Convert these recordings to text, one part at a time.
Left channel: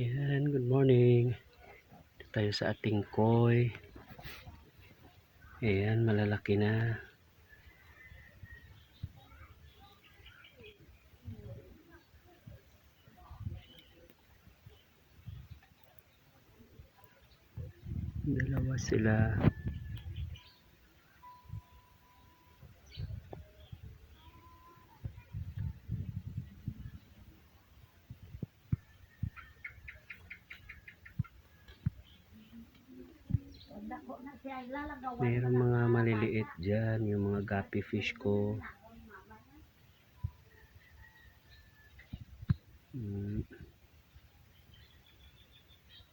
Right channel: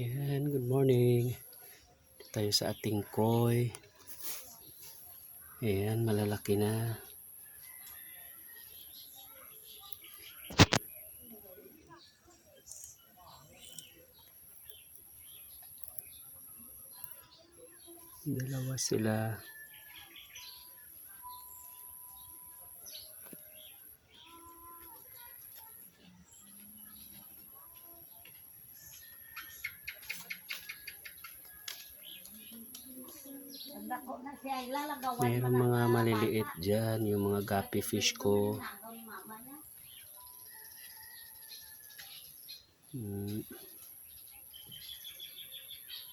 Ayan, good morning. Dito tayo sa ating koi. Ayan, malalaki na. Dalawa sila. Mayroong mga maliliit dyan, yung mga guppy fish ko.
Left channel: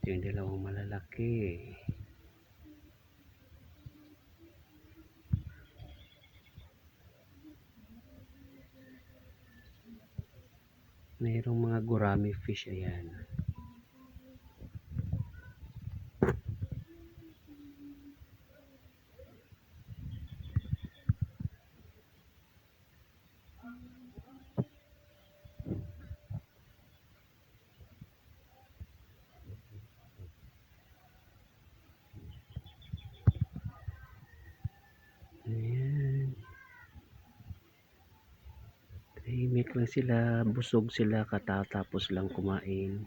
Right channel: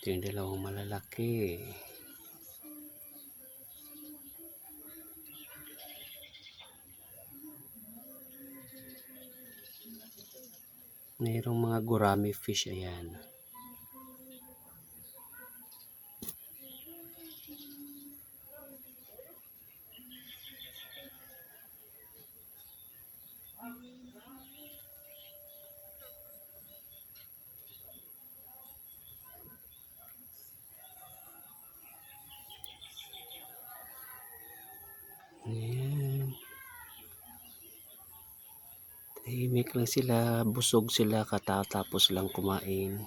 Ito yung dalawang malalaki. Mayroong mga gurami fish, ayan. Ayan. Tahimik lang sila, busog sila katatapos lang kumain.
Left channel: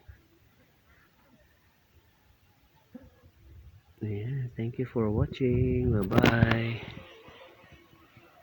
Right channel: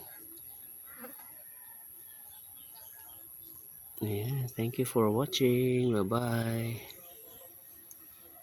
Ayan, thank you for watching. Bye-bye.